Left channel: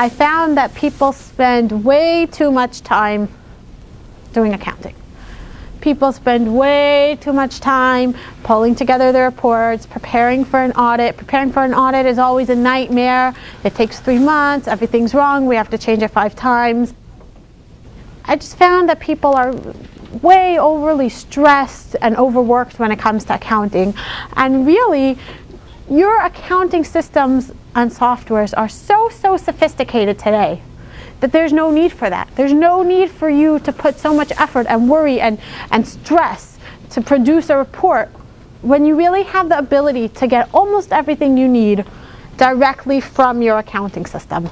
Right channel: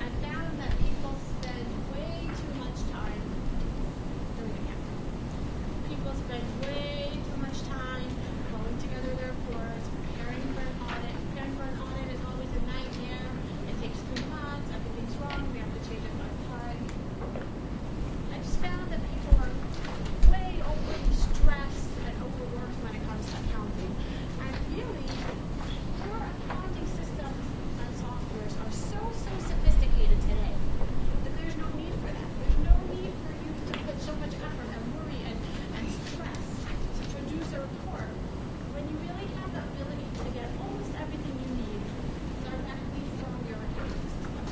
I found that people spend way too much time doing accounting. People spend way too much time pulling together their reports, preparing for an audit. Preparing for an audit is always a nightmare. It takes 3 months, everything's wrong, we have to change it 5 times. I just found that people are way overly stressed and overworked when it comes to accounting. And really, your accounting systems and softwares are so sophisticated today that there's no need for that. There's no need for you to put so much effort and worry and stress to produce a report when you really have the ability to get almost everything you need directly from your accounting system.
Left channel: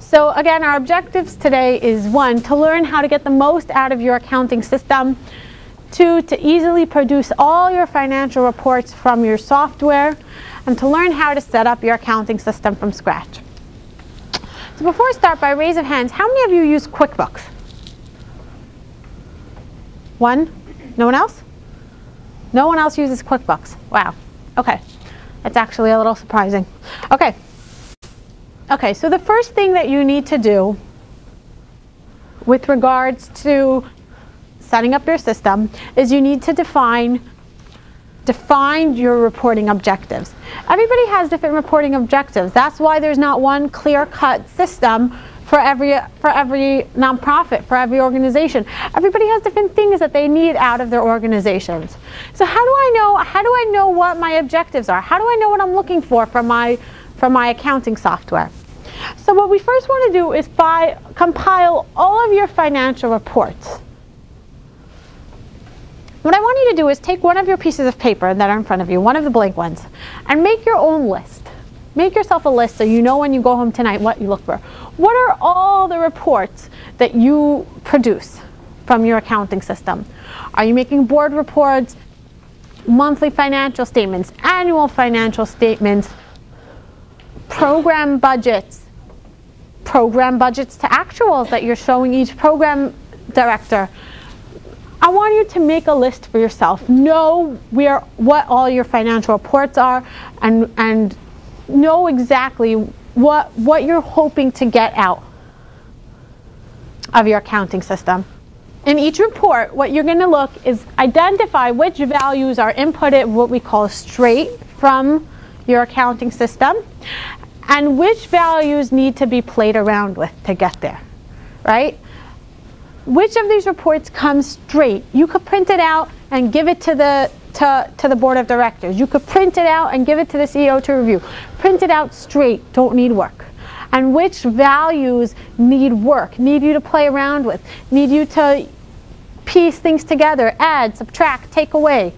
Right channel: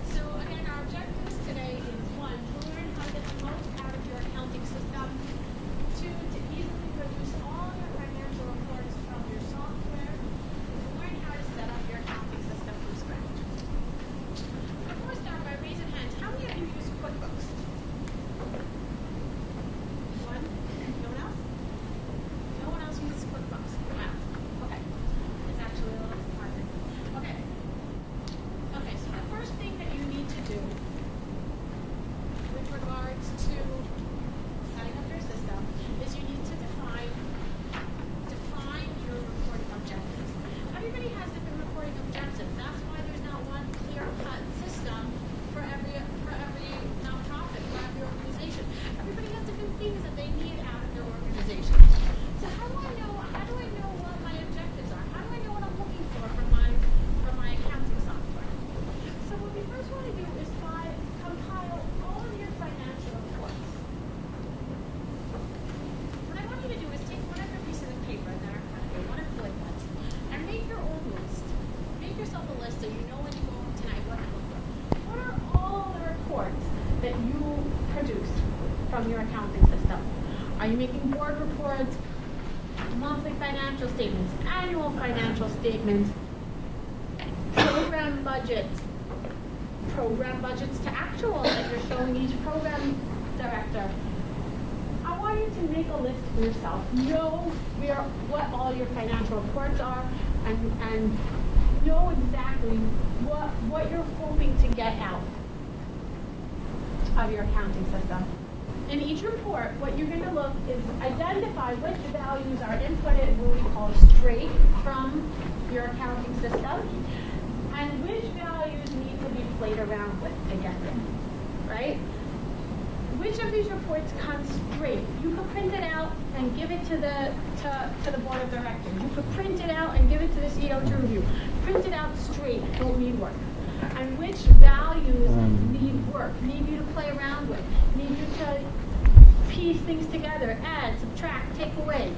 So again, our objectives today is 1, to learn how to get the most out of your accounting system. 2, to easily produce all your financial reports from your software, and to learn how to set up your accounting system from scratch. So before I start, by raise of hands, how many of you use QuickBooks? 1? No one else? No one else uses QuickBooks. Wow. Okay. That's actually a little surprising. Okay. Okay, so the first thing that you need to do with regards to setting up your system is you need to define your reporting objectives. Everybody has different reporting objectives. That's why there's not one clear-cut system for every nonprofit, for every organization. Everybody has different things that they need out of their organizations. So how do I know what my objectives are? How do I know what I'm looking for from my accounting software? So what we first want to do is compile all of your financial reports. What I want you to do is take one of your pieces of paper that are in front of you, one of the blank ones, and make your own list. Make yourself a list so you know when you go home tonight what you look for. What are all the reports that you produce from your accounting system? Are you making board reports, monthly financial statements, annual financial statements, program budgets to actuals that you're showing each program director? I want you to make a list for yourself. Know what all your financial reports are, and know exactly what you're hoping to get out of your accounting system. In each report, what you're going to look is identify which values are inputted, what we call straight from your accounting system, and which values need to be played around with to get there, right? Which of these reports comes straight? You could print it out and give it to the board of directors. You could print it out and give it to the CEO to review. Print it out straight, don't need work. And which values need work, need you to play around with, need you to piece things together, add, subtract, take away.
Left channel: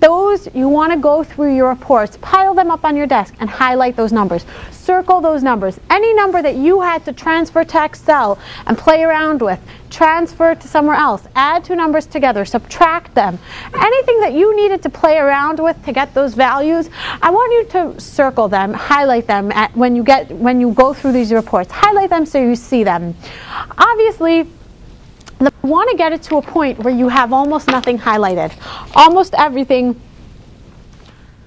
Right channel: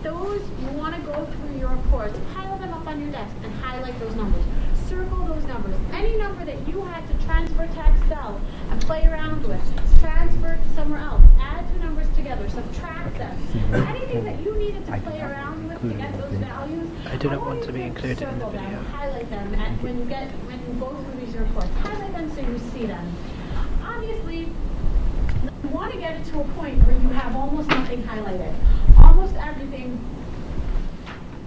Those, you want to go through your reports, pile them up on your desk, and highlight those numbers. Circle those numbers. Any number that you had to transfer to Excel and play around with, transfer to somewhere else. Add 2 numbers together, subtract them. Anything that you needed to play around with to get those values, I want you to circle them, highlight them when you go through these reports. Highlight them so you see them. Obviously, you want to get it to a point where you have almost nothing highlighted. Almost everything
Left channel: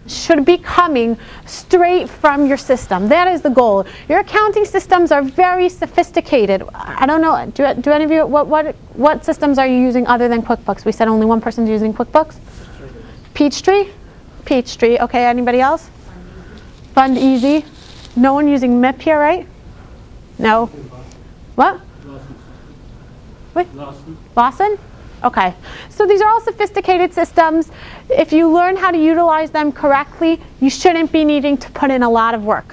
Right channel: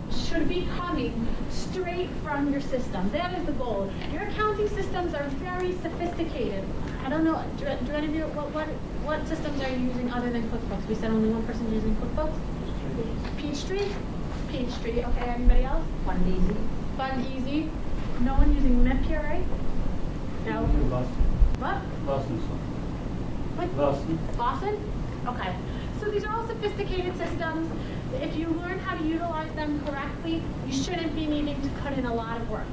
should be coming straight from your system. That is the goal. Your accounting systems are very sophisticated. I don't know, do any of you, what systems are you using other than QuickBooks? We said only one person's using QuickBooks? Peachtree? Peachtree, okay, anybody else? Fund Easy. No one using MIP here, right? No? What? Lawson? Okay. So these are all sophisticated systems. If you learn how to utilize them correctly, you shouldn't be needing to put in a lot of work.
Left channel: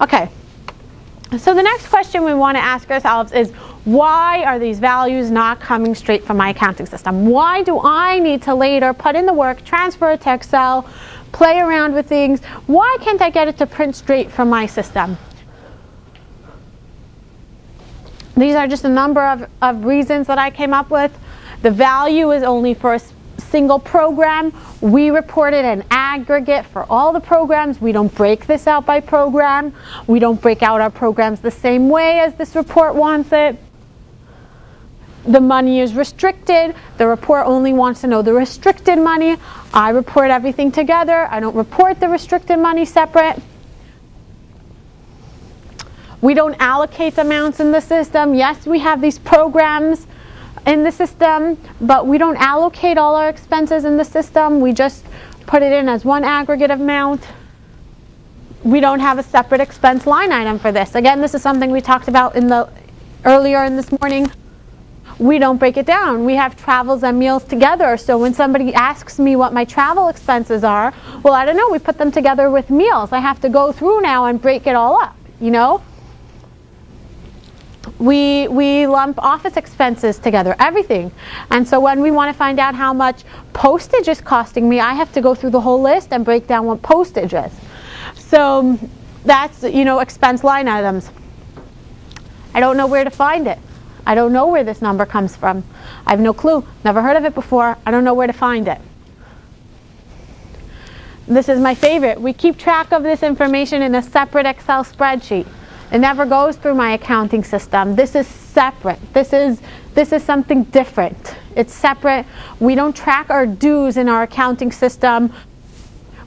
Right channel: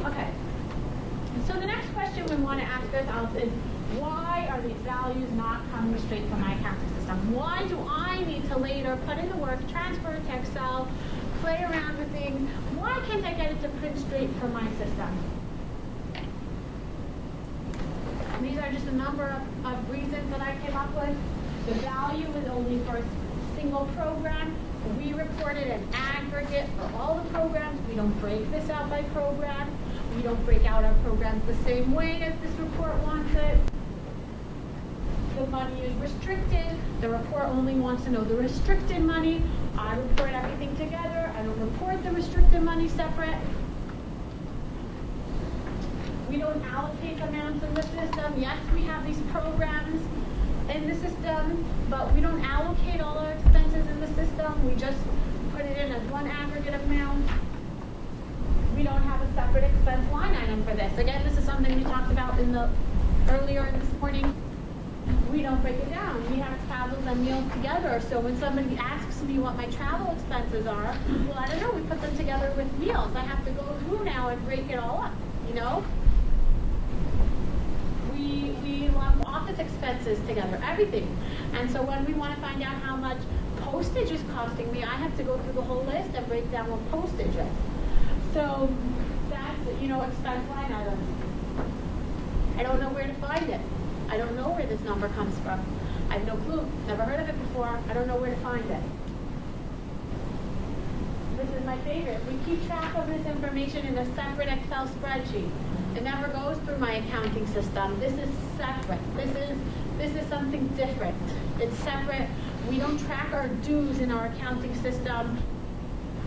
Okay. So the next question we want to ask ourselves is, why are these values not coming straight from my accounting system? Why do I need to later put in the work, transfer it to Excel, play around with things? Why can't I get it to print straight from my system? These are just a number of reasons that I came up with. The value is only for a single program. We report it in aggregate for all the programs. We don't break this out by program. We don't break out our programs the same way as this report wants it. The money is restricted. The report only wants to know the restricted money. I report everything together. I don't report the restricted money separate. We don't allocate amounts in the system. Yes, we have these programs in the system, but we don't allocate all our expenses in the system. We just put it in as one aggregate amount. We don't have a separate expense line item for this. Again, this is something we talked about earlier in this morning. We don't break it down. We have travels and meals together. So when somebody asks me what my travel expenses are, well, I don't know, we put them together with meals. I have to go through now and break it all up, you know? We lump office expenses together, everything. And so when we want to find out how much postage is costing me, I have to go through the whole list and break down what postage is. So that's, you know, expense line items. I don't know where to find it. I don't know where this number comes from. I have no clue. Never heard of it before. I don't know where to find it. This is my favorite. We keep track of this information in a separate Excel spreadsheet. It never goes through my accounting system. This is separate. This is something different. It's separate. We don't track our dues in our accounting system.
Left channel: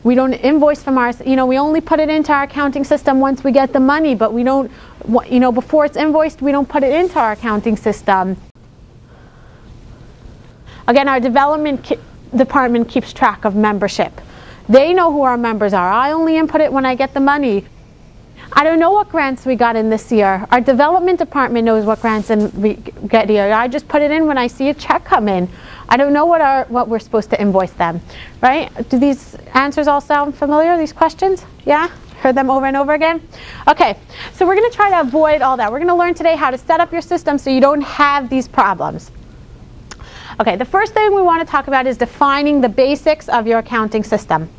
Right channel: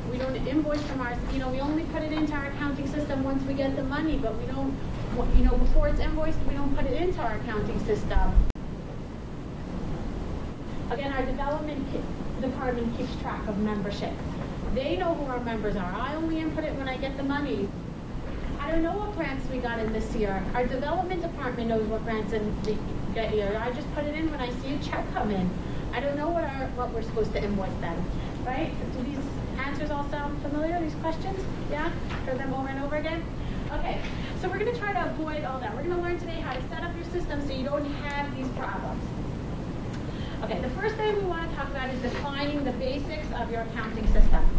We don't invoice from our, you know, we only put it into our accounting system once we get the money, but we don't, you know, before it's invoiced, we don't put it into our accounting system. Again, our development department keeps track of membership. They know who our members are. I only input it when I get the money. I don't know what grants we got in this year. Our development department knows what grants we get here. I just put it in when I see a check come in. I don't know what we're supposed to invoice them, right? Do these answers all sound familiar, these questions? Yeah? Heard them over and over again? Okay, so we're going to try to avoid all that. We're going to learn today how to set up your system so you don't have these problems. Okay, the first thing we want to talk about is defining the basics of your accounting system.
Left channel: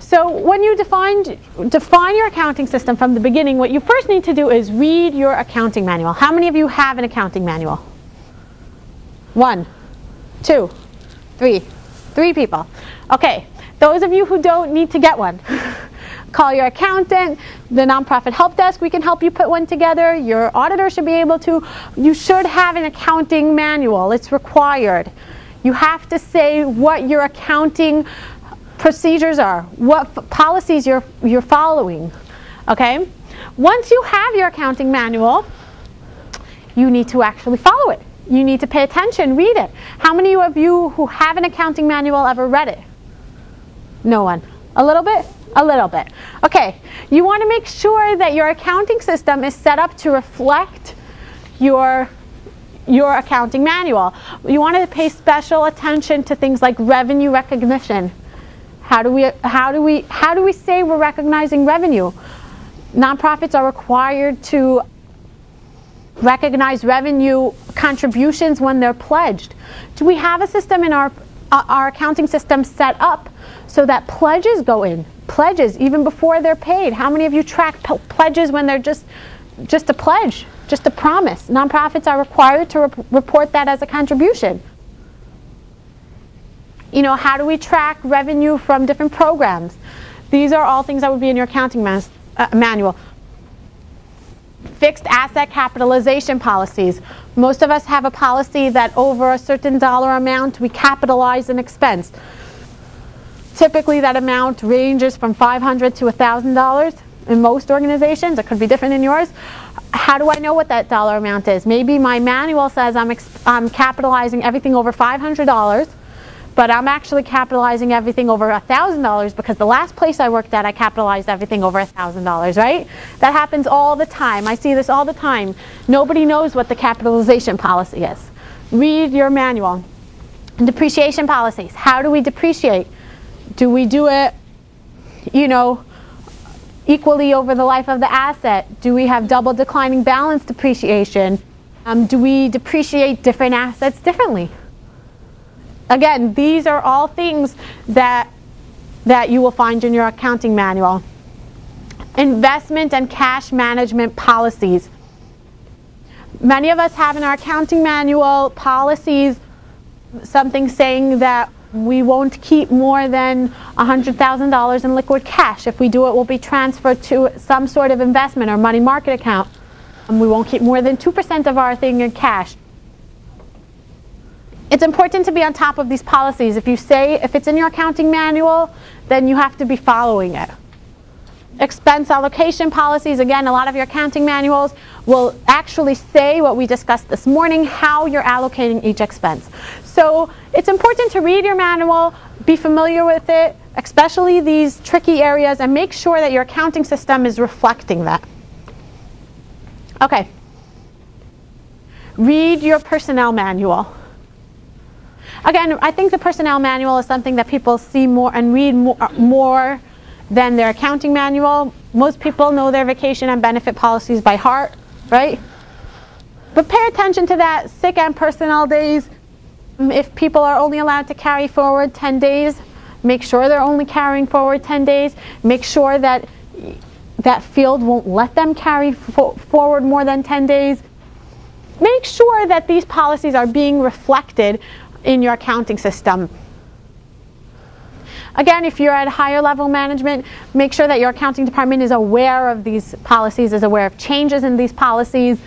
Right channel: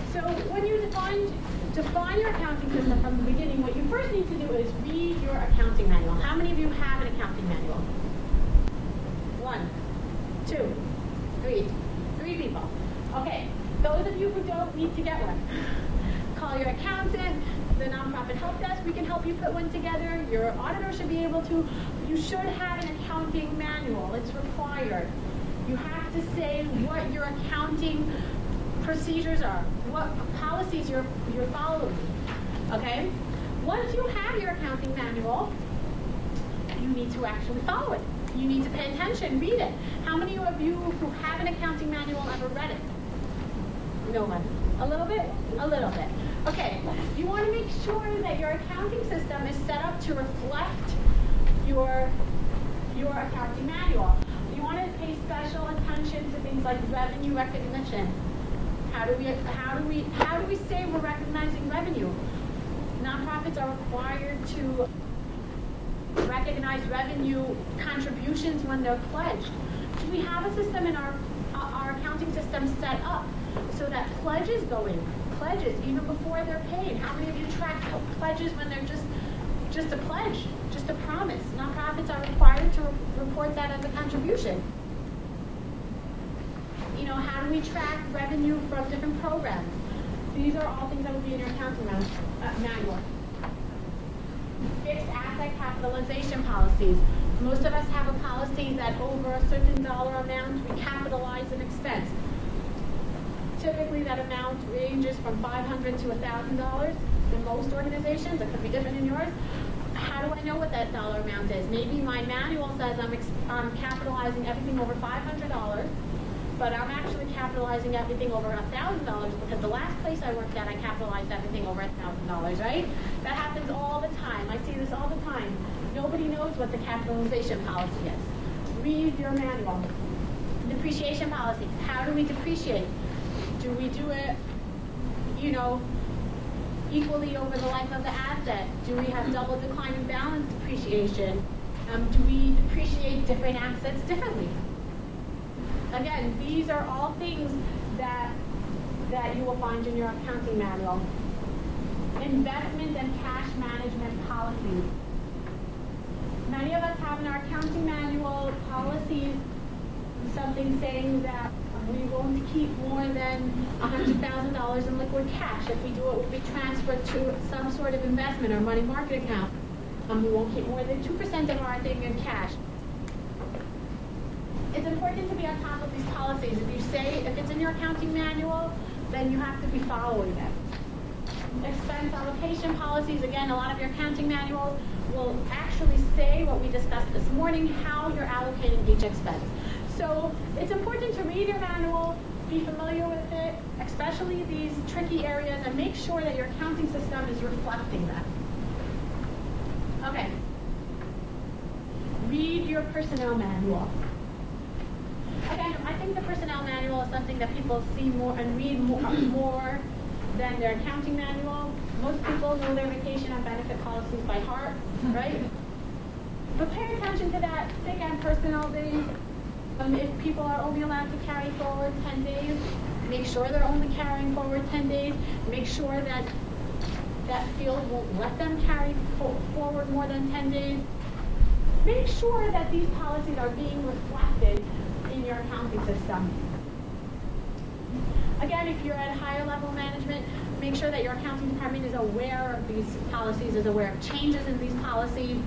So when you define your accounting system from the beginning, what you first need to do is read your accounting manual. How many of you have an accounting manual? 1, 2, 3. 3 people. Okay, those of you who don't need to get one, call your accountant, the nonprofit help desk, we can help you put one together. Your auditor should be able to. You should have an accounting manual. It's required. You have to say what your accounting procedures are, what policies you're following. Okay? Once you have your accounting manual, you need to actually follow it. You need to pay attention, read it. How many of you who have an accounting manual ever read it? No one. A little bit? A little bit. Okay, you want to make sure that your accounting system is set up to reflect your accounting manual. You want to pay special attention to things like revenue recognition. How do we say we're recognizing revenue? Nonprofits are required to recognize revenue contributions when they're pledged. Do we have a system in our accounting system set up so that pledges go in? Pledges even before they're paid. How many of you track pledges when they're just a pledge, just a promise? Nonprofits are required to report that as a contribution. You know, how do we track revenue from different programs? These are all things that would be in your accounting manual. Fixed asset capitalization policies. Most of us have a policy that over a certain dollar amount we capitalize an expense. Typically that amount ranges from $500 to $1,000 in most organizations. It could be different in yours. How do I know what that dollar amount is? Maybe my manual says I'm capitalizing everything over $500, but I'm actually capitalizing everything over $1,000 because the last place I worked at I capitalized everything over $1,000, right? That happens all the time. I see this all the time. Nobody knows what the capitalization policy is. Read your manual. Depreciation policies. How do we depreciate? Do we do it, you know, equally over the life of the asset? Do we have double declining balance depreciation? Do we depreciate different assets differently? Again, these are all things that you will find in your accounting manual. Investment and cash management policies. Many of us have in our accounting manual policies something saying that we won't keep more than $100,000 in liquid cash. If we do, it will be transferred to some sort of investment or money market account. We won't keep more than 2% of our thing in cash. It's important to be on top of these policies. If it's in your accounting manual, then you have to be following it. expense allocation policies. Again, a lot of your accounting manuals will actually say what we discussed this morning, how you're allocating each expense. So it's important to read your manual, be familiar with it, especially these tricky areas, and make sure that your accounting system is reflecting that. Okay. Read your personnel manual. Again, I think the personnel manual is something that people see more and read more than their accounting manual. Most people know their vacation and benefit policies by heart, right? But pay attention to that, sick and personnel days. If people are only allowed to carry forward 10 days, make sure they're only carrying forward 10 days. Make sure that that field won't let them carry forward more than 10 days. Make sure that these policies are being reflected in your accounting system. Again, if you're at higher level management, make sure that your accounting department is aware of these policies, is aware of changes in these policies.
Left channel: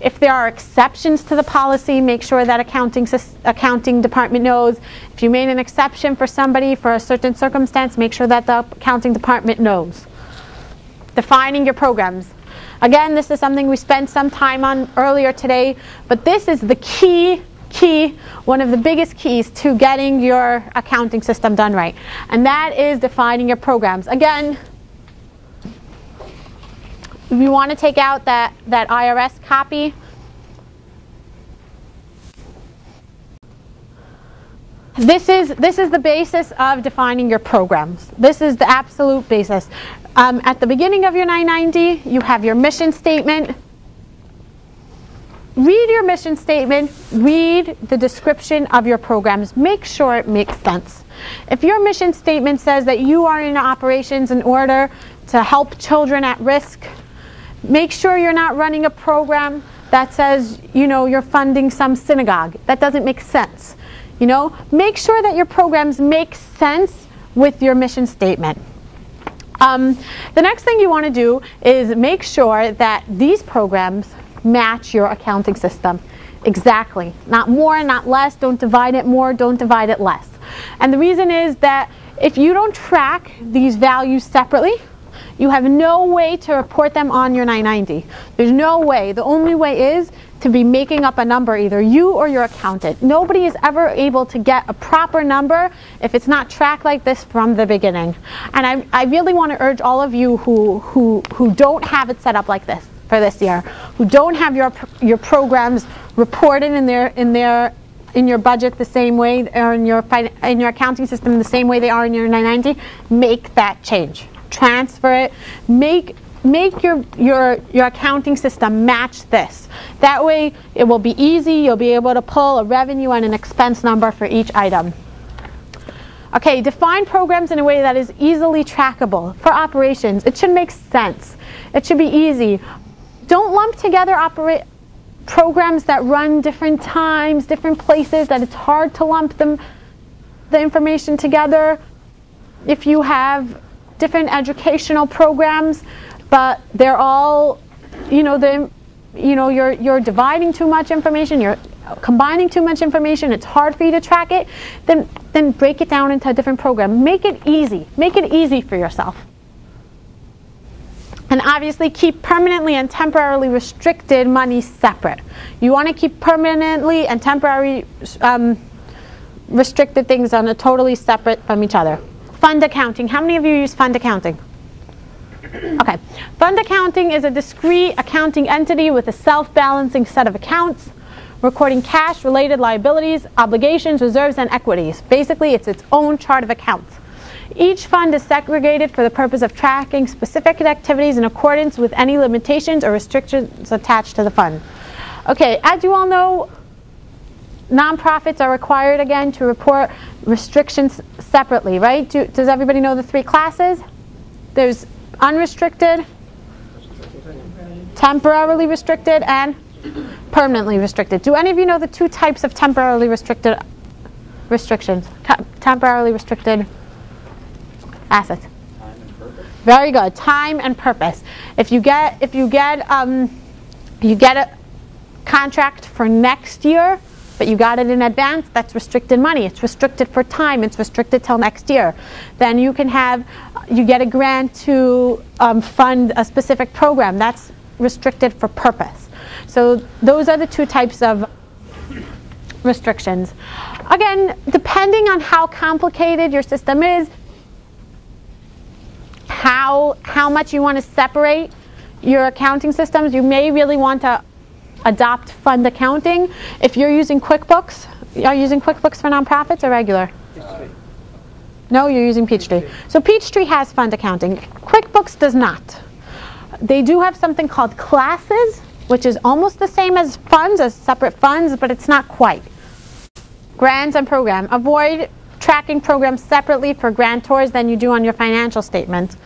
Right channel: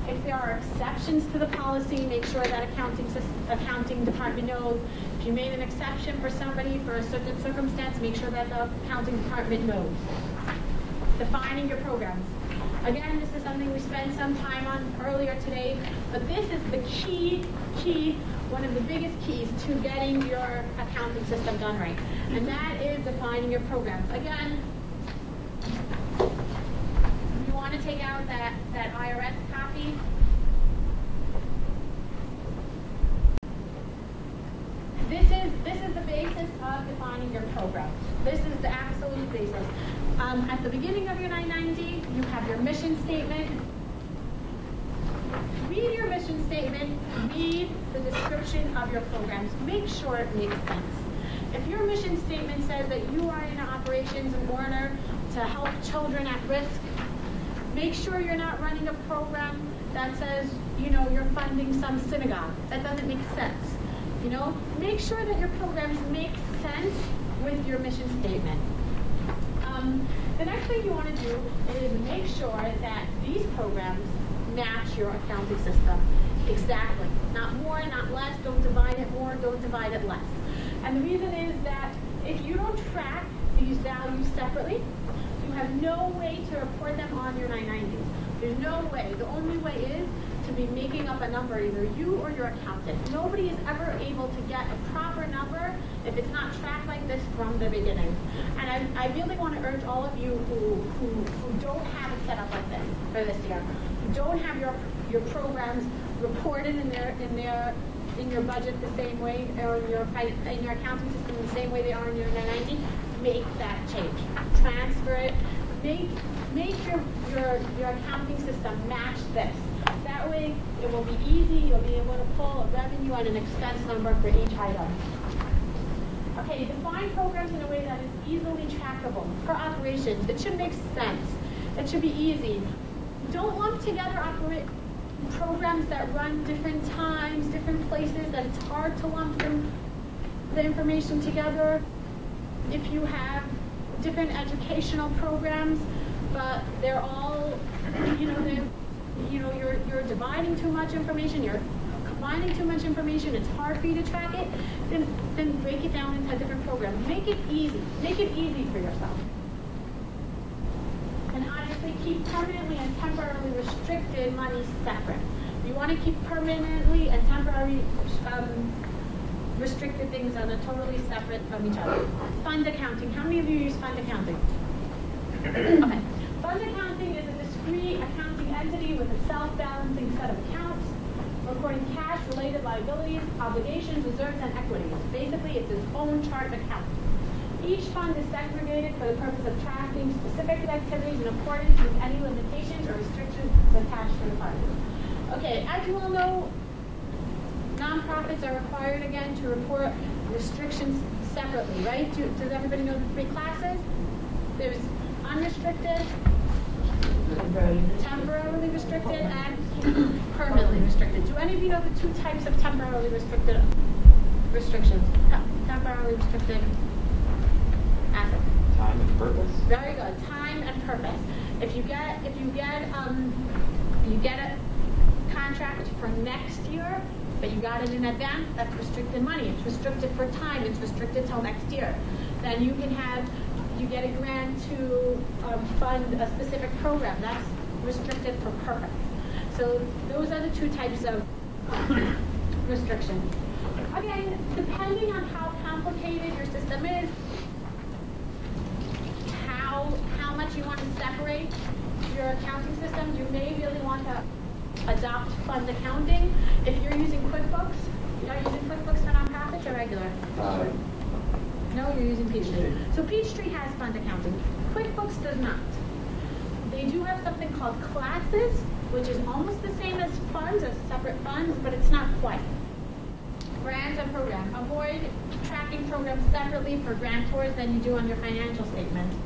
If there are exceptions to the policy, make sure that accounting department knows. If you made an exception for somebody for a certain circumstance, make sure that the accounting department knows. Defining your programs. Again, this is something we spent some time on earlier today, but this is the key, one of the biggest keys to getting your accounting system done right. And that is defining your programs. Again, we want to take out that IRS copy. This is the basis of defining your programs. This is the absolute basis. At the beginning of your 990, you have your mission statement. Read your mission statement. Read the description of your programs. Make sure it makes sense. If your mission statement says that you are in operations in order to help children at risk, make sure you're not running a program that says, you're funding some synagogue. That doesn't make sense. Make sure that your programs make sense with your mission statement. The next thing you want to do is make sure that these programs match your accounting system. Exactly. Not more, not less. Don't divide it more, don't divide it less. And the reason is that if you don't track these values separately, you have no way to report them on your 990. There's no way. The only way is to be making up a number, either you or your accountant. Nobody is ever able to get a proper number if it's not tracked like this from the beginning. And I really want to urge all of you who don't have it set up like this for this year, who don't have your programs reported in your budget the same way, or in your accounting system the same way they are in your 990, make that change. Transfer it. Make your accounting system match this. That way it will be easy. You'll be able to pull a revenue and an expense number for each item. Okay, define programs in a way that is easily trackable. For operations, it should make sense. It should be easy. Don't lump together programs that run different times, different places, that it's hard to lump the information together. If you have different educational programs, but they're all, you're dividing too much information, you're combining too much information, it's hard for you to track it, then break it down into a different program. Make it easy. Make it easy for yourself. And obviously keep permanently and temporarily restricted money separate. You want to keep permanently and temporary restricted things on a totally separate from each other. Fund accounting. How many of you use fund accounting? Okay. Fund accounting is a discrete accounting entity with a self-balancing set of accounts, recording cash, related liabilities, obligations, reserves, and equities. Basically, it's its own chart of accounts. Each fund is segregated for the purpose of tracking specific activities in accordance with any limitations or restrictions attached to the fund. Okay, as you all know, nonprofits are required again to report restrictions separately, right? Does everybody know the three classes? There's unrestricted, temporarily restricted, and permanently restricted. Do any of you know the two types of temporarily restricted restrictions? Temporarily restricted assets. Time and purpose. Very good. Time and purpose. If you get a contract for next year, but you got it in advance, that's restricted money. It's restricted for time. It's restricted till next year. Then you get a grant to fund a specific program. That's restricted for purpose. So those are the two types of restrictions. Again, depending on how complicated your system is, how much you want to separate your accounting systems, you may really want to adopt fund accounting. If you're using QuickBooks, are you using QuickBooks for nonprofits or regular? No, you're using Peachtree. So Peachtree has fund accounting. QuickBooks does not. They do have something called classes, which is almost the same as funds, as separate funds, but it's not quite. Grants and program. Avoid tracking programs separately for grantors than you do on your financial statement.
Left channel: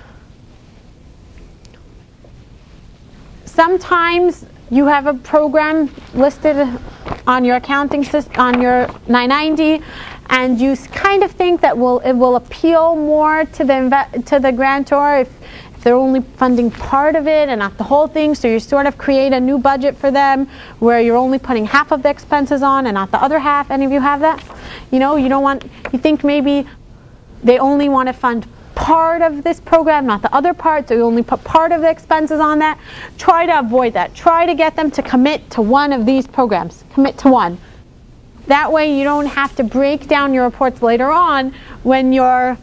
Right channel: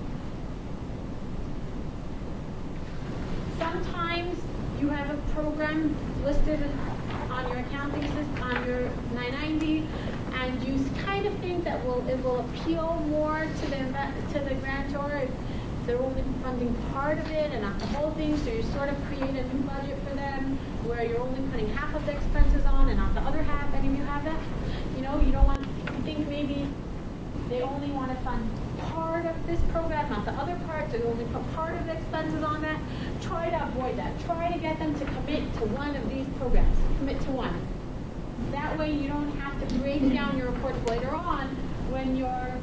Sometimes you have a program listed on your accounting system, on your 990, and you kind of think that it will appeal more to the grantor if they're only funding part of it and not the whole thing. So you sort of create a new budget for them where you're only putting half of the expenses on and not the other half. Any of you have that? You know, you think maybe they only want to fund part of this program, not the other part, so you only put part of the expenses on that. Try to avoid that. Try to get them to commit to one of these programs. Commit to one. That way you don't have to break down your reports later on when you're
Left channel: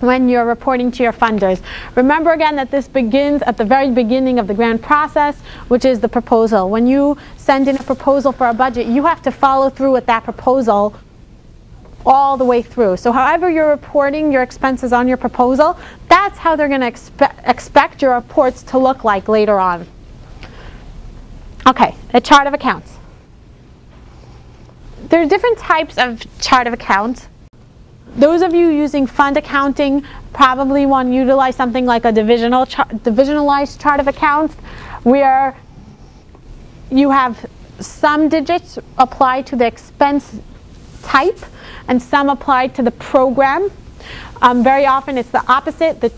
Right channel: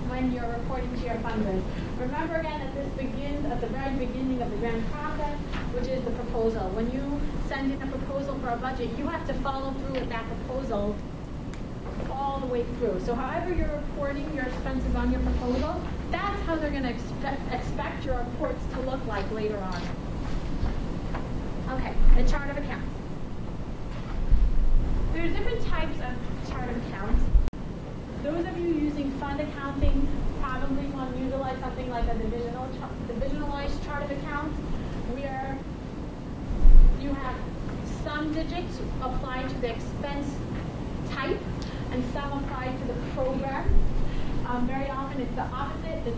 reporting to your funders. Remember again that this begins at the very beginning of the grant process, which is the proposal. When you send in a proposal for a budget, you have to follow through with that proposal all the way through. So however you're reporting your expenses on your proposal, that's how they're going to expect your reports to look like later on. Okay, a chart of accounts. There are different types of chart of accounts. Those of you using fund accounting probably want to utilize something like a divisionalized chart of accounts, where you have some digits applied to the expense type and some applied to the program. Very often it's the opposite. The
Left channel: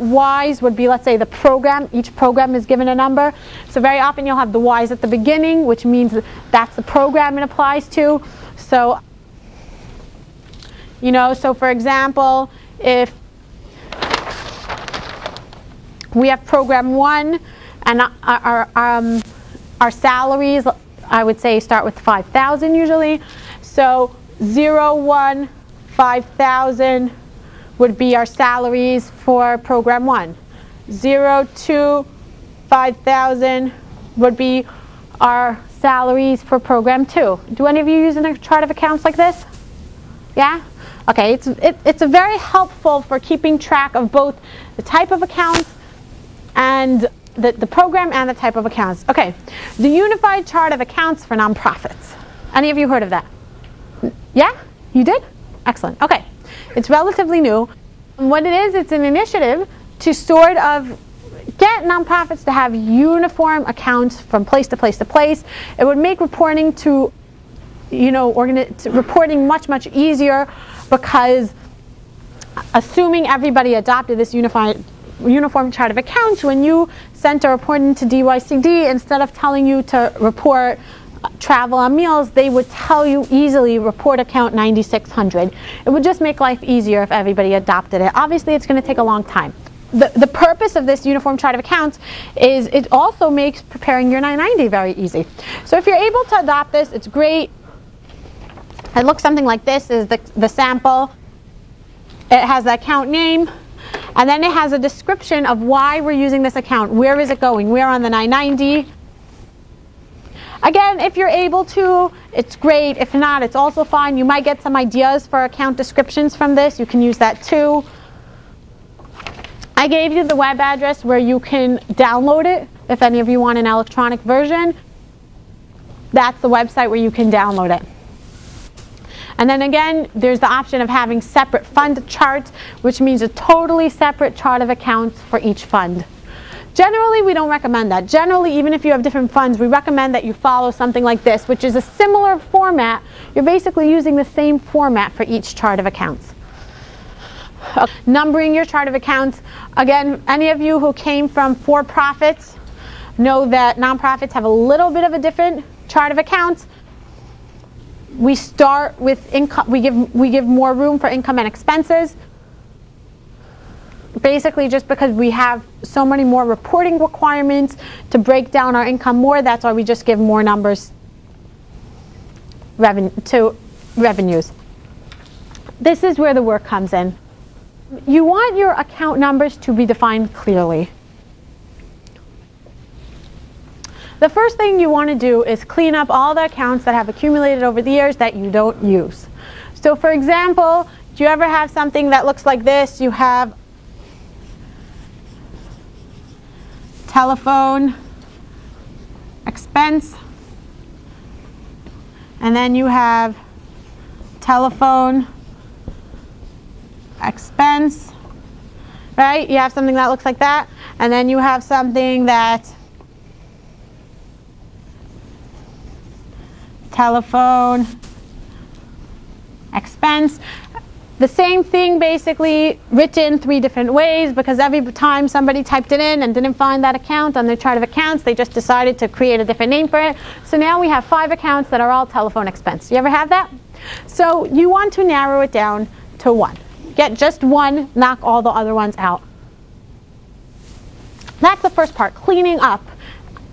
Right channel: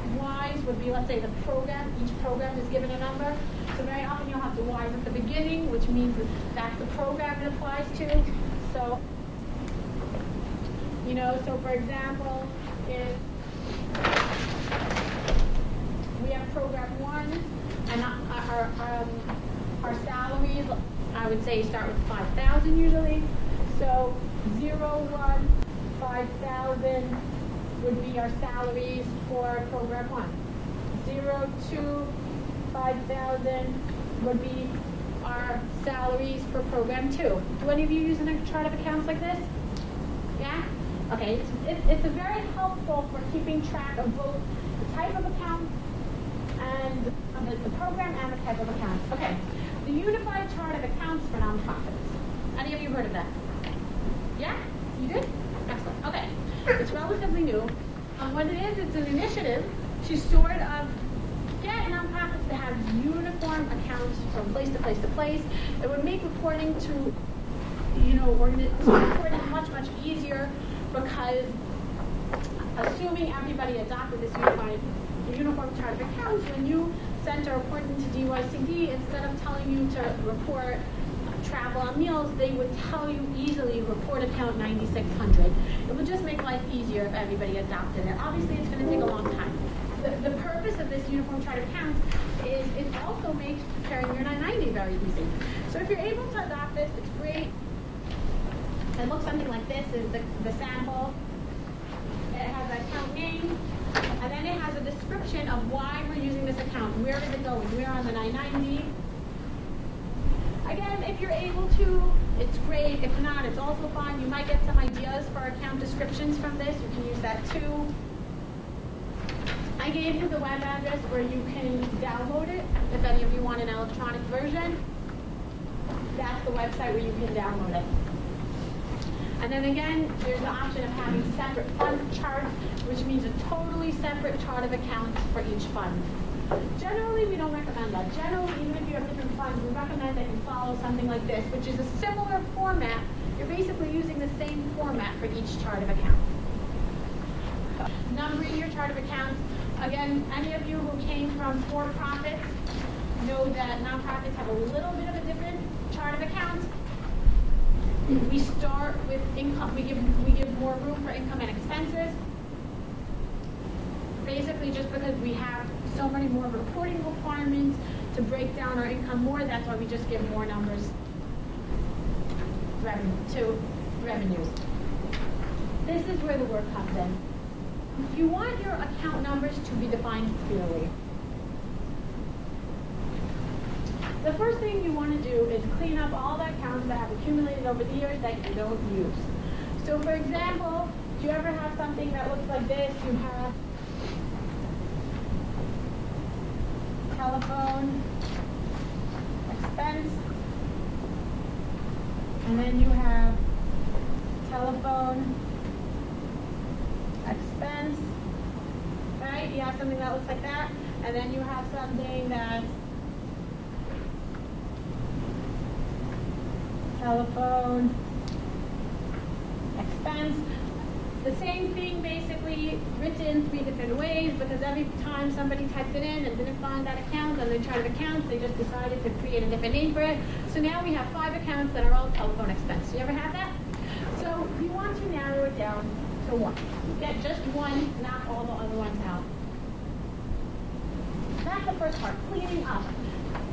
Y's would be, let's say, the program. Each program is given a number. So very often you'll have the Y's at the beginning, which means that's the program it applies to. So, so for example, if we have program 1 and our salaries, I would say, start with 5,000 usually. So 0, 1, 5,000 would be our salaries for program 1. 0, 2, 5,000 would be our salaries for program 2. Do any of you use a chart of accounts like this? Yeah? Okay, it's very helpful for keeping track of both the type of accounts and the program and the type of accounts. Okay, the unified chart of accounts for nonprofits. Any of you heard of that? Yeah? You did? Excellent. Okay. It's relatively new. And what it is, it's an initiative to sort of get nonprofits to have uniform accounts from place to place to place. It would make reporting reporting much, much easier, because assuming everybody adopted this uniform chart of accounts, when you sent a report into DYCD, instead of telling you to report travel and meals, they would tell you easily report account 9600. It would just make life easier if everybody adopted it. Obviously, it's going to take a long time. The purpose of this uniform chart of accounts is it also makes preparing your 990 very easy. So if you're able to adopt this, it's great. It looks something like this, is the sample. It has the account name, and then it has a description of why we're using this account. Where is it going? Where on the 990? Again, if you're able to, it's great. If not, it's also fine. You might get some ideas for account descriptions from this. You can use that too. I gave you the web address where you can download it. If any of you want an electronic version, that's the website where you can download it. And then again, there's the option of having separate fund charts, which means a totally separate chart of accounts for each fund. Generally, we don't recommend that. Generally, even if you have different funds, we recommend that you follow something like this, which is a similar format. You're basically using the same format for each chart of accounts. Numbering your chart of accounts. Again, any of you who came from for-profits know that nonprofits have a little bit of a different chart of accounts. We start with income. We give more room for income and expenses. Basically, just because we have so many more reporting requirements to break down our income more, that's why we just give more numbers to revenues. This is where the work comes in. You want your account numbers to be defined clearly. The first thing you want to do is clean up all the accounts that have accumulated over the years that you don't use. So for example, do you ever have something that looks like this? You have telephone expense, and then you have telephone expense, right? You have something that looks like that, and then you have something that telephone expense. The same thing basically written 3 different ways, because every time somebody typed it in and didn't find that account on their chart of accounts, they just decided to create a different name for it. So now we have 5 accounts that are all telephone expense. You ever have that? So you want to narrow it down to 1. Get just 1, knock all the other ones out. That's the first part, cleaning up.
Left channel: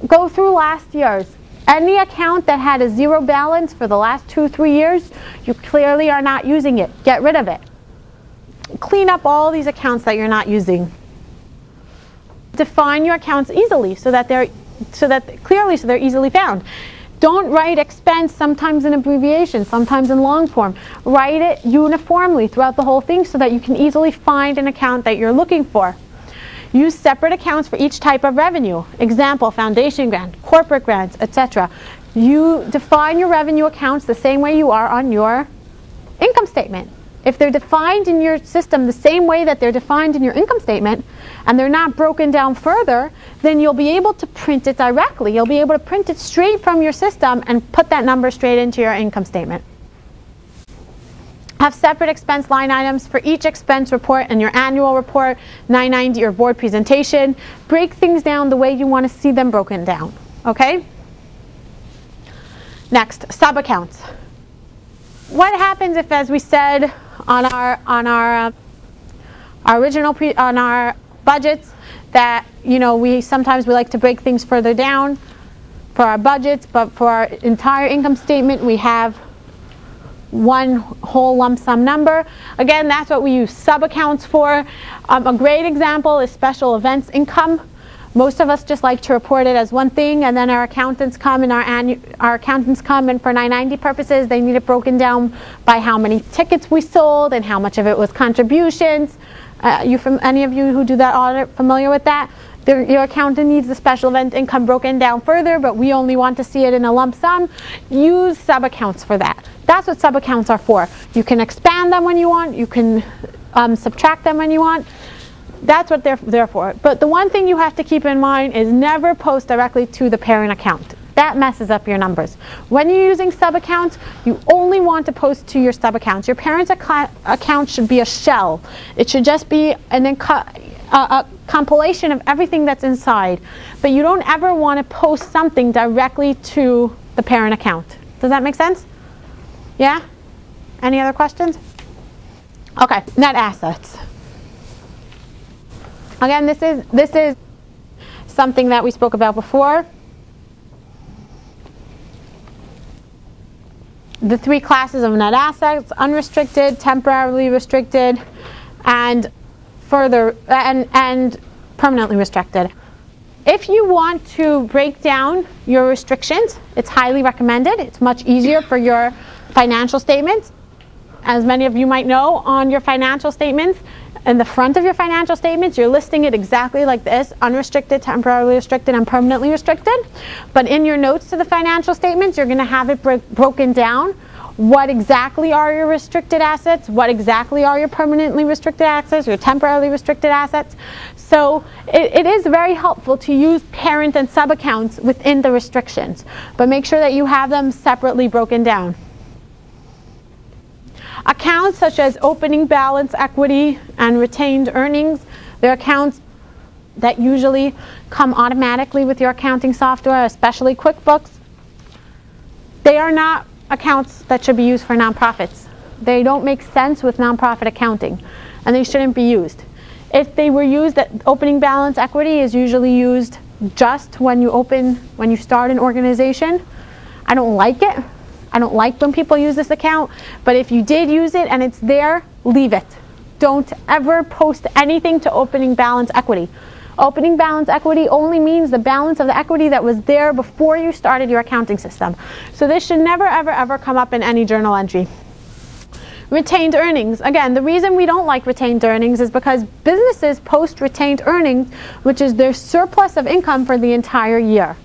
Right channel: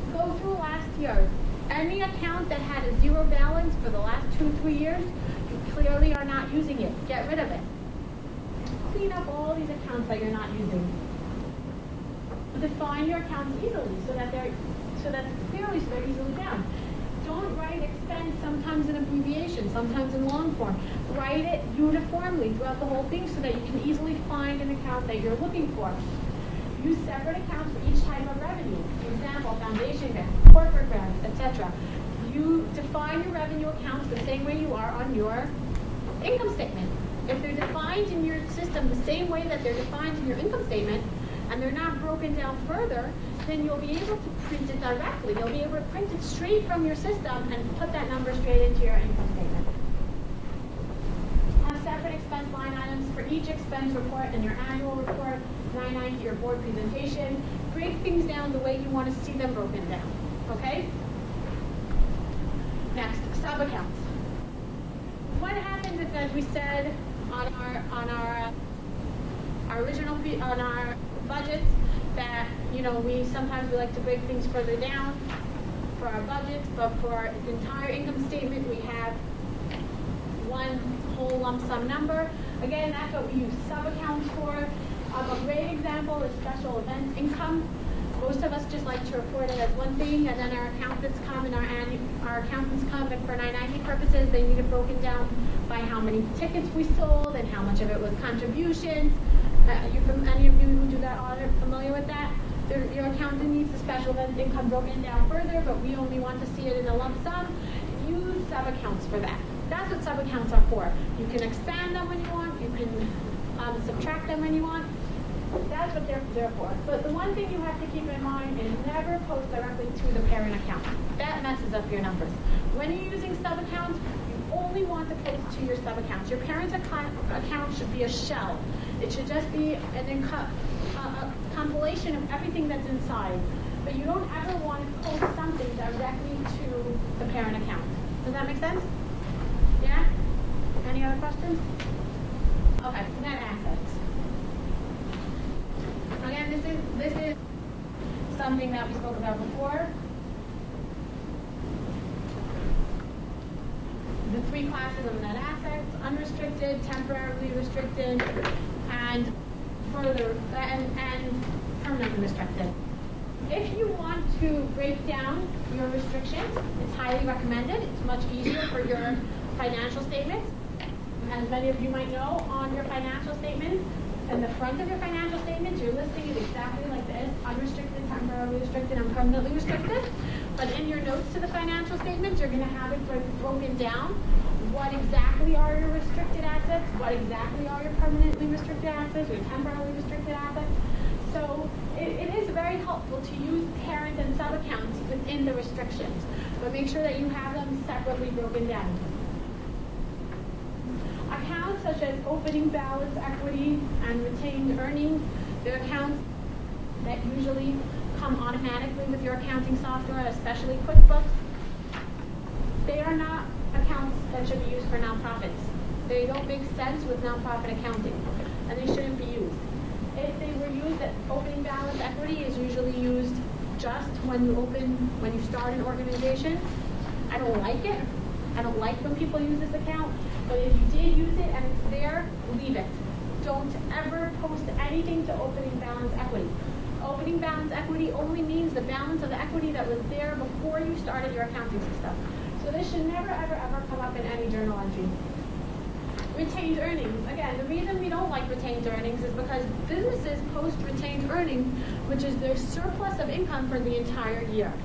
Go through last year's. Any account that had a 0 balance for the last 2-3 years, you clearly are not using it. Get rid of it. Clean up all these accounts that you're not using. Define your accounts easily so that they're easily found. Don't write expense sometimes in abbreviation, sometimes in long form. Write it uniformly throughout the whole thing so that you can easily find an account that you're looking for. Use separate accounts for each type of revenue. Example, foundation grant, corporate grants, etc. You define your revenue accounts the same way you are on your income statement. If they're defined in your system the same way that they're defined in your income statement, and they're not broken down further, then you'll be able to print it directly. You'll be able to print it straight from your system and put that number straight into your income statement. Have separate expense line items for each expense report and your annual report, 990 or board presentation. Break things down the way you want to see them broken down, okay? Next, sub-accounts. What happens if, as we said on our budgets, that we sometimes like to break things further down for our budgets, but for our entire income statement we have one whole lump sum number. Again, that's what we use sub-accounts for. A great example is special events income. Most of us just like to report it as one thing, and then our accountants come and and for 990 purposes they need it broken down by how many tickets we sold and how much of it was contributions. Any of you who do that audit familiar with that? Your accountant needs the special event income broken down further, but we only want to see it in a lump sum. Use sub-accounts for that. That's what sub-accounts are for. You can expand them when you want. You can subtract them when you want. That's what they're there for. But the one thing you have to keep in mind is never post directly to the parent account. That messes up your numbers. When you're using sub-accounts, you only want to post to your sub-accounts. Your parent's account should be a shell. It should just be a compilation of everything that's inside. But you don't ever want to post something directly to the parent account. Does that make sense? Yeah? Any other questions? Okay, net assets. Again, this is something that we spoke about before. The 3 classes of net assets: unrestricted, temporarily restricted, and and permanently restricted. If you want to break down your restrictions, it's highly recommended. It's much easier for your financial statements. As many of you might know, on your financial statements, in the front of your financial statements, you're listing it exactly like this: unrestricted, temporarily restricted, and permanently restricted. But in your notes to the financial statements, you're going to have it broken down. What exactly are your restricted assets? What exactly are your permanently restricted assets, your temporarily restricted assets? So it is very helpful to use parent and sub-accounts within the restrictions. But make sure that you have them separately broken down. Accounts such as opening balance equity and retained earnings, they're accounts that usually come automatically with your accounting software, especially QuickBooks. They are not accounts that should be used for nonprofits. They don't make sense with nonprofit accounting, and they shouldn't be used. If they were used, that opening balance equity is usually used just when you start an organization. I don't like it. I don't like when people use this account, but if you did use it and it's there, leave it. Don't ever post anything to opening balance equity. Opening balance equity only means the balance of the equity that was there before you started your accounting system. So this should never, ever, ever come up in any journal entry. Retained earnings. Again, the reason we don't like retained earnings is because businesses post retained earnings, which is their surplus of income for the entire year.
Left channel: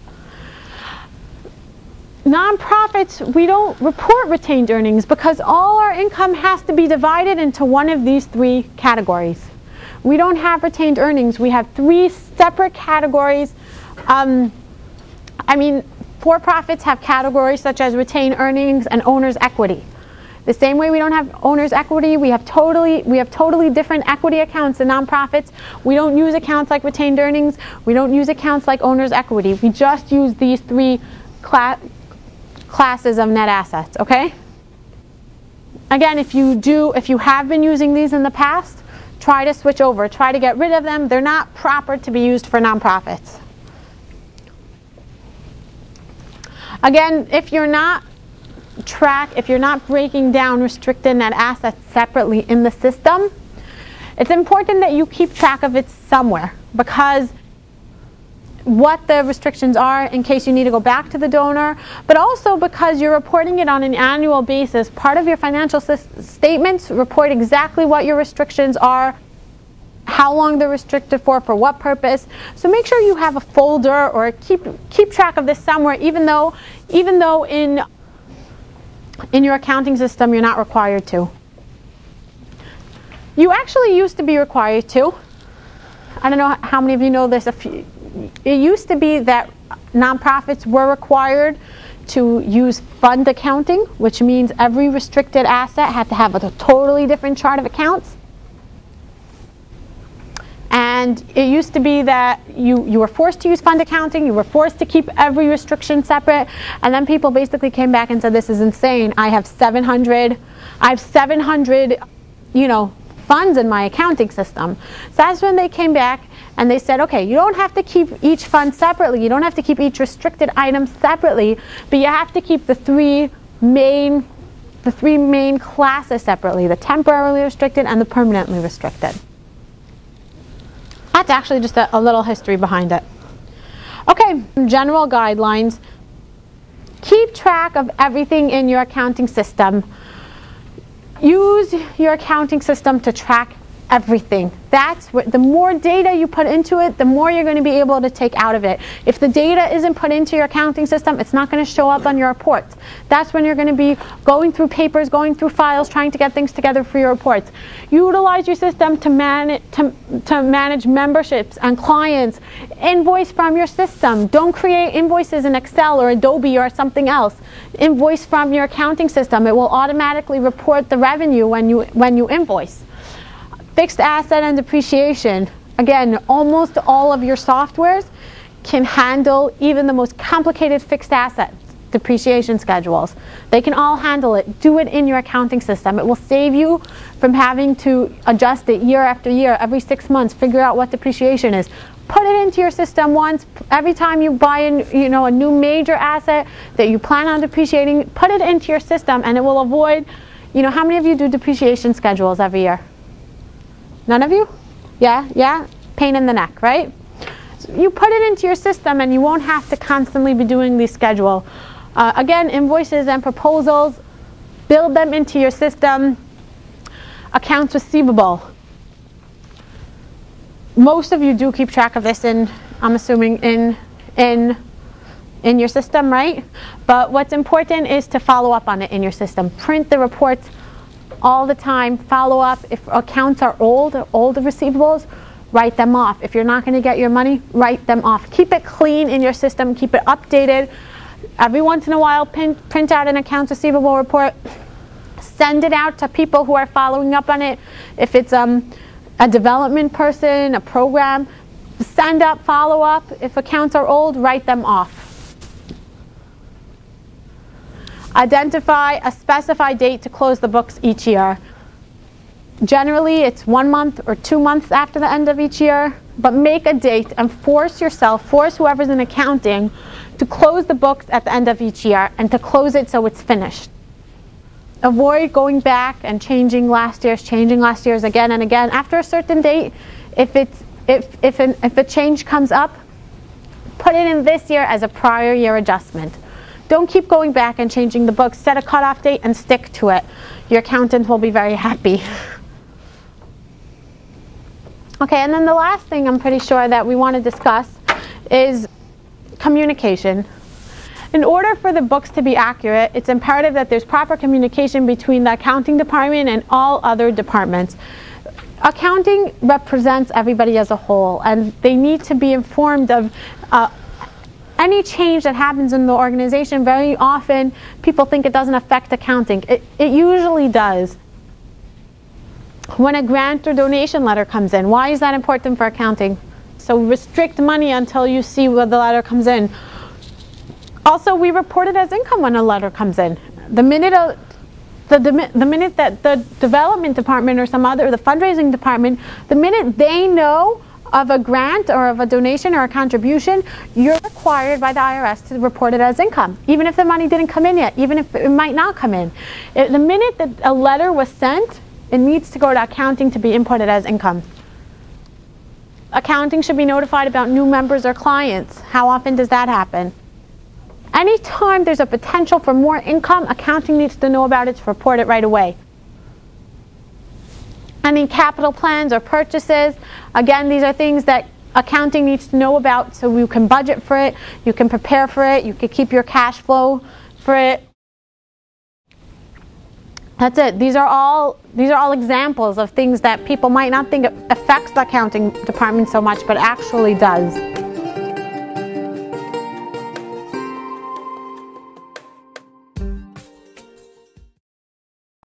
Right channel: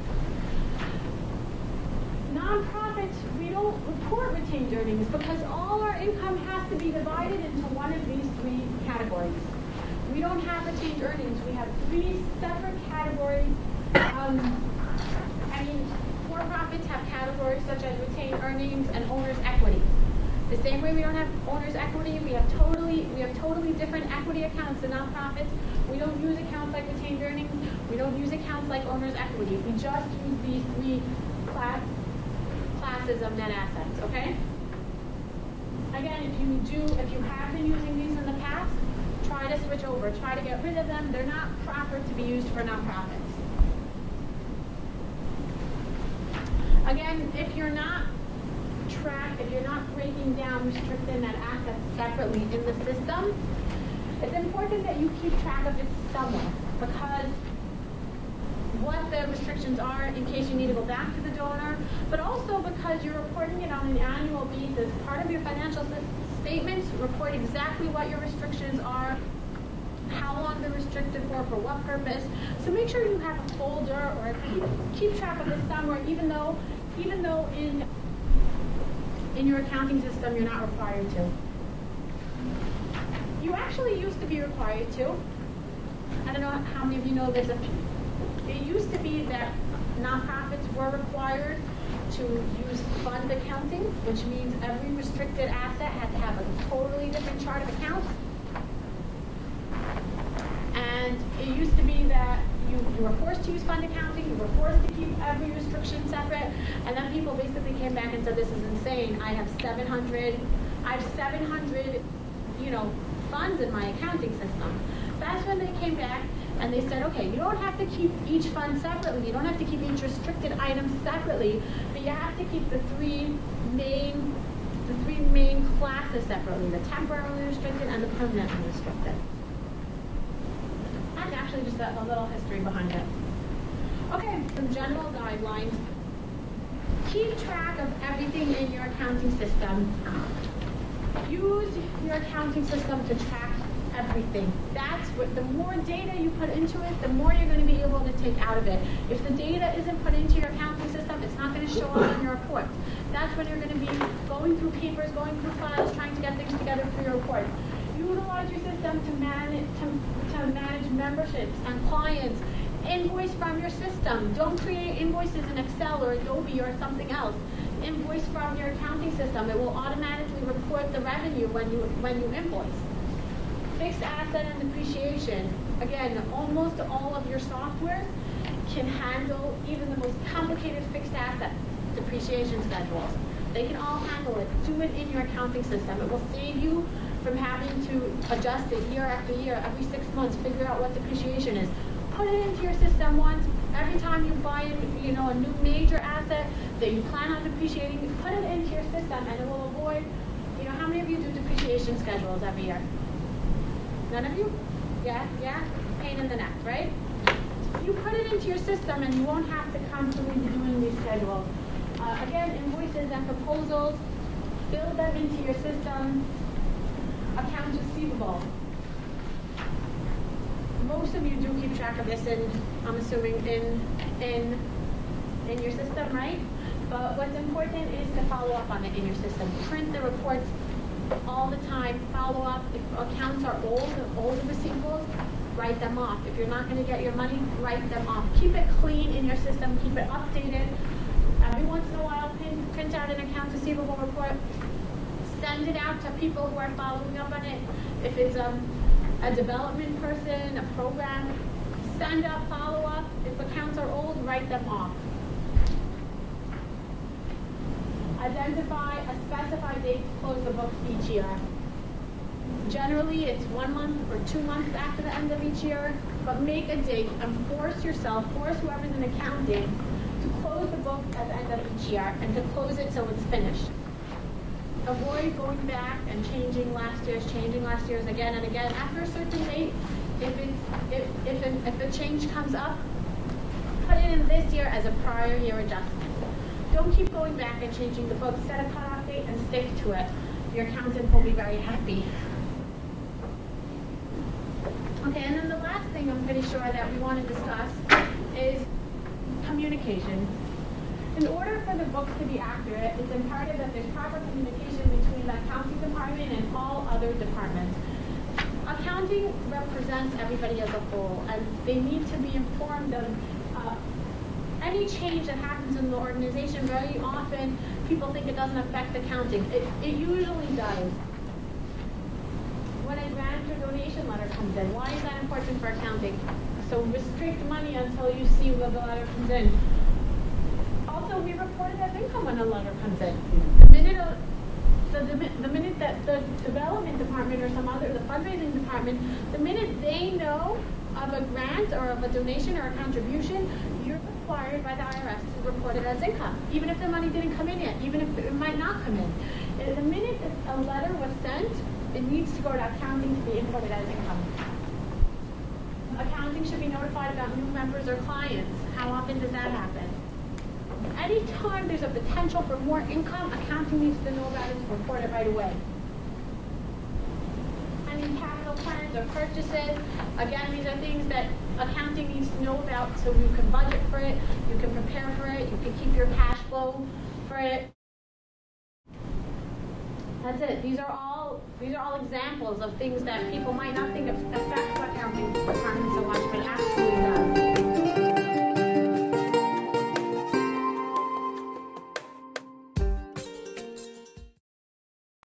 Nonprofits, we don't report retained earnings because all our income has to be divided into one of these three categories. We don't have retained earnings. We have three separate categories. For-profits have categories such as retained earnings and owner's equity. The same way we don't have owner's equity, we have totally different equity accounts in nonprofits. We don't use accounts like retained earnings. We don't use accounts like owner's equity. We just use these three classes of net assets, okay? Again, if you have been using these in the past, try to switch over. Try to get rid of them. They're not proper to be used for nonprofits. Again, if you're not breaking down restricted net assets separately in the system, it's important that you keep track of it somewhere, because what the restrictions are in case you need to go back to the donor, but also because you're reporting it on an annual basis. Part of your financial statements report exactly what your restrictions are, how long they're restricted for what purpose. So make sure you have a folder or keep track of this somewhere, even though in your accounting system you're not required to. You actually used to be required to. I don't know how many of you know this. It used to be that nonprofits were required to use fund accounting, which means every restricted asset had to have a totally different chart of accounts. And it used to be that you were forced to use fund accounting, you were forced to keep every restriction separate, and then people basically came back and said, this is insane. I have 700 funds in my accounting system. So that's when they came back and they said, okay, you don't have to keep each fund separately, you don't have to keep each restricted item separately, but you have to keep the three main classes separately, the temporarily restricted and the permanently restricted. That's actually just a little history behind it. Okay, general guidelines. Keep track of everything in your accounting system. Use your accounting system to track everything. That's what, the more data you put into it, the more you're going to be able to take out of it. If the data isn't put into your accounting system, it's not going to show up on your reports. That's when you're going to be going through papers, going through files, trying to get things together for your reports. Utilize your system to manage memberships and clients. Invoice from your system. Don't create invoices in Excel or Adobe or something else. Invoice from your accounting system. It will automatically report the revenue when you invoice. Fixed asset and depreciation. Again, almost all of your softwares can handle even the most complicated fixed asset depreciation schedules. They can all handle it. Do it in your accounting system. It will save you from having to adjust it year after year, every 6 months, figure out what depreciation is. Put it into your system once. Every time you buy a new major asset that you plan on depreciating, put it into your system and it will avoid, how many of you do depreciation schedules every year? None of you? Yeah? Pain in the neck, right? So you put it into your system and you won't have to constantly be doing these schedule. Again, invoices and proposals, build them into your system. Accounts receivable. Most of you do keep track of this I'm assuming in your system, right? But what's important is to follow up on it in your system. Print the reports all the time, follow up. If accounts are old receivables, write them off. If you're not going to get your money, write them off. Keep it clean in your system, keep it updated. Every once in a while, print out an accounts receivable report, send it out to people who are following up on it. If it's a development person, a program, send up, follow up. If accounts are old, write them off. Identify a specified date to close the books each year. Generally, it's 1 month or 2 months after the end of each year, but make a date and force yourself, force whoever's in accounting to close the books at the end of each year and to close it so it's finished. Avoid going back and changing last year's again and again. After a certain date, if a change comes up, put it in this year as a prior year adjustment. Don't keep going back and changing the books. Set a cutoff date and stick to it. Your accountant will be very happy. Okay, and then the last thing I'm pretty sure that we want to discuss is communication. In order for the books to be accurate, it's imperative that there's proper communication between the accounting department and all other departments. Accounting represents everybody as a whole, and they need to be informed of any change that happens in the organization. Very often, people think it doesn't affect accounting. It usually does. When a grant or donation letter comes in, why is that important for accounting? So restrict money until you see where the letter comes in. Also, we report it as income when a letter comes in. The minute that the development department or the fundraising department, the minute they know of a grant or of a donation or a contribution, you're required by the IRS to report it as income, even if the money didn't come in yet, even if it might not come in. The minute that a letter was sent, it needs to go to accounting to be inputted as income. Accounting should be notified about new members or clients. How often does that happen? Anytime there's a potential for more income, accounting needs to know about it to report it right away. Any capital plans or purchases, again, these are things that accounting needs to know about so you can budget for it, you can prepare for it, you can keep your cash flow for it. That's it. These are all examples of things that people might not think affects the accounting department so much, but actually does.